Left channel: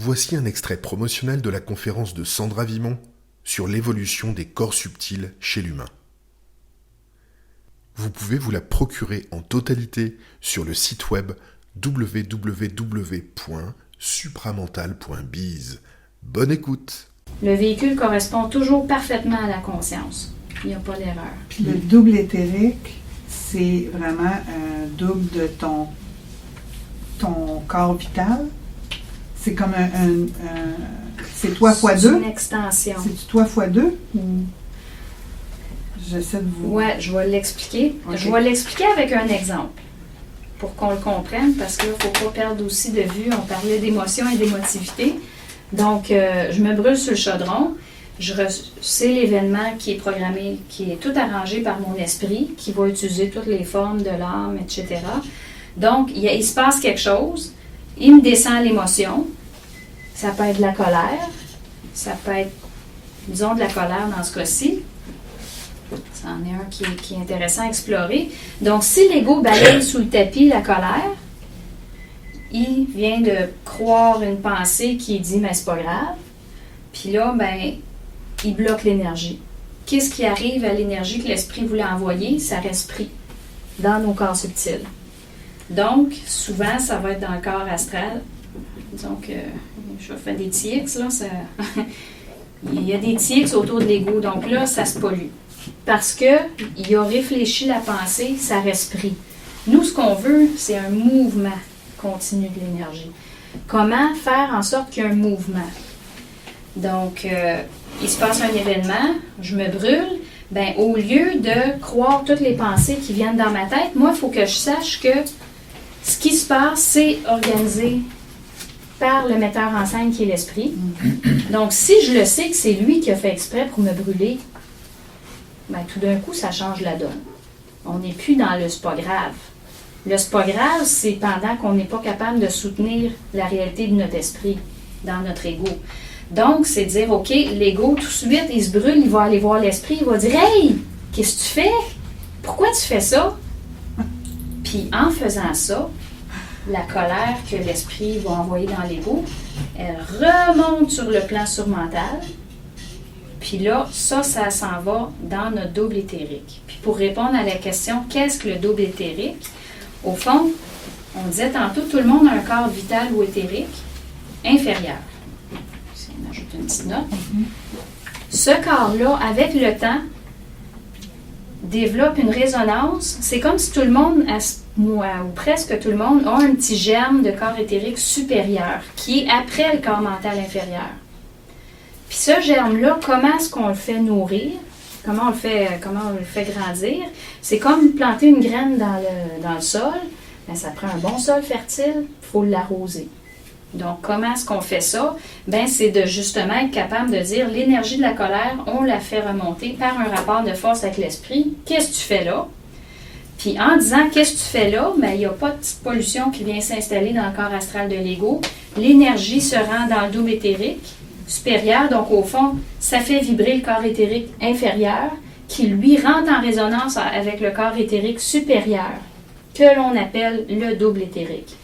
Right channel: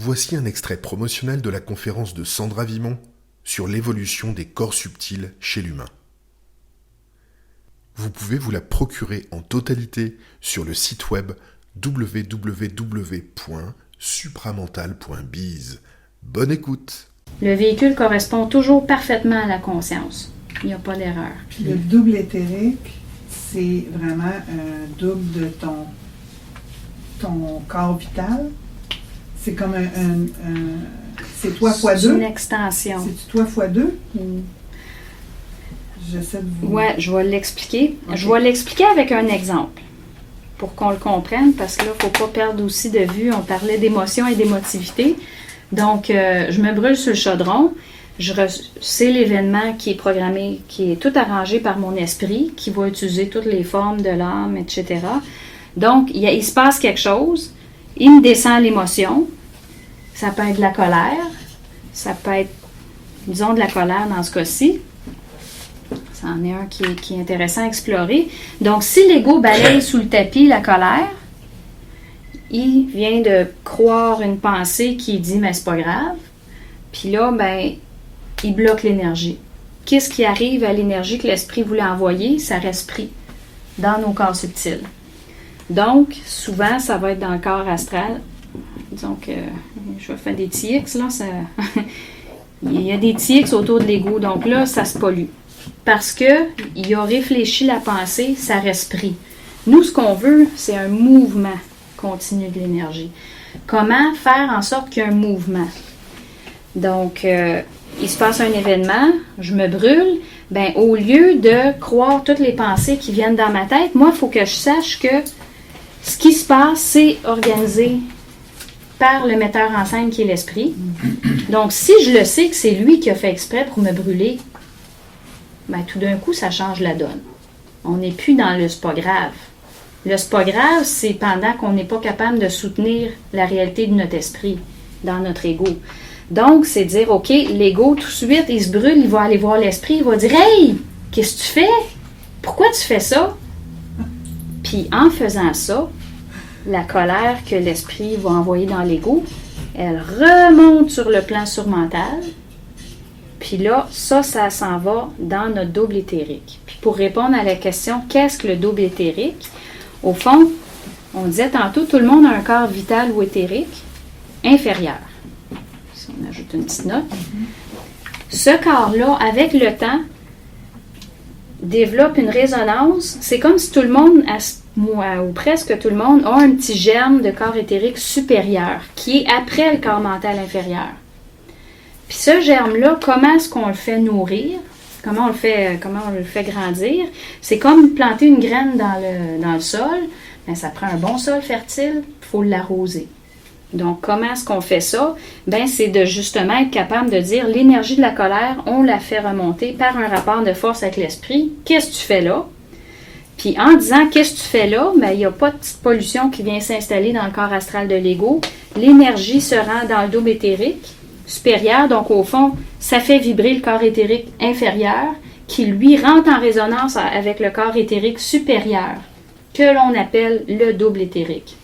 Voici un extrait promotionnel de la conférence de Sandra Vimon sur l'évolution des corps subtils chez l'humain. Vous pouvez vous la procurer en totalité sur le site web www.supramental.biz. Bonne écoute! Le véhicule correspond toujours parfaitement à la conscience. Il n'y a pas d'erreur. Puis le double éthérique, c'est vraiment un double de ton corps vital. C'est comme c'est toi fois C'est deux. une extension. C'est toi fois deux? J'essaie de vous... Ouais, je vais l'expliquer. Ok. Je vais l'expliquer avec un exemple pour qu'on le comprenne, parce que là, il ne faut pas perdre aussi de vue. On parlait d'émotion et d'émotivité. Donc, je me brûle sur le chaudron. C'est l'événement qui est programmé, qui est tout arrangé par mon esprit, qui va utiliser toutes les formes de l'âme, etc. Donc, il se passe quelque chose. Il me descend l'émotion. Ça peut être de la colère. Ça peut être, disons, de la colère dans ce cas-ci. C'en est un qui est intéressant à explorer. Donc, si l'ego balaye sous le tapis la colère, il vient de croire une pensée qui dit « mais c'est pas grave ». Puis là, ben, il bloque l'énergie. Qu'est-ce qui arrive à l'énergie que l'esprit voulait envoyer? Ça reste pris dans nos corps subtils. Donc, souvent, ça va être dans le corps astral. Disons que je vais faire des TX, là. Il y a des TX autour de l'ego. Donc là, ça se pollue. Parce qu'il a réfléchi la pensée, ça reste pris. Nous, ce qu'on veut, c'est un mouvement continu de l'énergie. Comment faire en sorte qu'il y ait un mouvement? Donc, il se passe un événement, je me brûle. Ben, au lieu de croire toutes les pensées qui viennent dans ma tête, moi, il faut que je sache que ce qui se passe, c'est organisé par le metteur en scène qui est l'esprit. Donc, si je le sais que c'est lui qui a fait exprès pour me brûler, ben, tout d'un coup, ça change la donne. On n'est plus dans le « c'est pas grave ». Le « c'est pas grave », c'est pendant qu'on n'est pas capable de soutenir la réalité de notre esprit, dans notre ego. Donc, c'est dire, OK, l'ego, tout de suite, il se brûle, il va aller voir l'esprit, il va dire « Hey, qu'est-ce que tu fais? Pourquoi tu fais ça? » Puis, en faisant ça, la colère que l'esprit va envoyer dans l'ego, elle remonte sur le plan surmental. Puis là, ça s'en va dans notre double éthérique. Puis pour répondre à la question, qu'est-ce que le double éthérique? Au fond, on disait tantôt, tout le monde a un corps vital ou éthérique inférieur. Si on ajoute une petite note. Ce corps-là, avec le temps, développe une résonance. C'est comme si tout le monde, ou presque tout le monde, a un petit germe de corps éthérique supérieur, qui est après le corps mental inférieur. Puis ce germe-là, comment est-ce qu'on le fait nourrir? Comment on le fait grandir? C'est comme planter une graine dans le sol. Bien, ça prend un bon sol fertile, il faut l'arroser. Donc, comment est-ce qu'on fait ça? Bien, c'est de justement être capable de dire l'énergie de la colère, on la fait remonter par un rapport de force avec l'esprit. Qu'est-ce que tu fais là? Puis en disant qu'est-ce que tu fais là, bien, il n'y a pas de petite pollution qui vient s'installer dans le corps astral de l'ego. L'énergie se rend dans le double éthérique supérieur, donc au fond, ça fait vibrer le corps éthérique inférieur qui, lui, rentre en résonance avec le corps éthérique supérieur, que l'on appelle le double éthérique.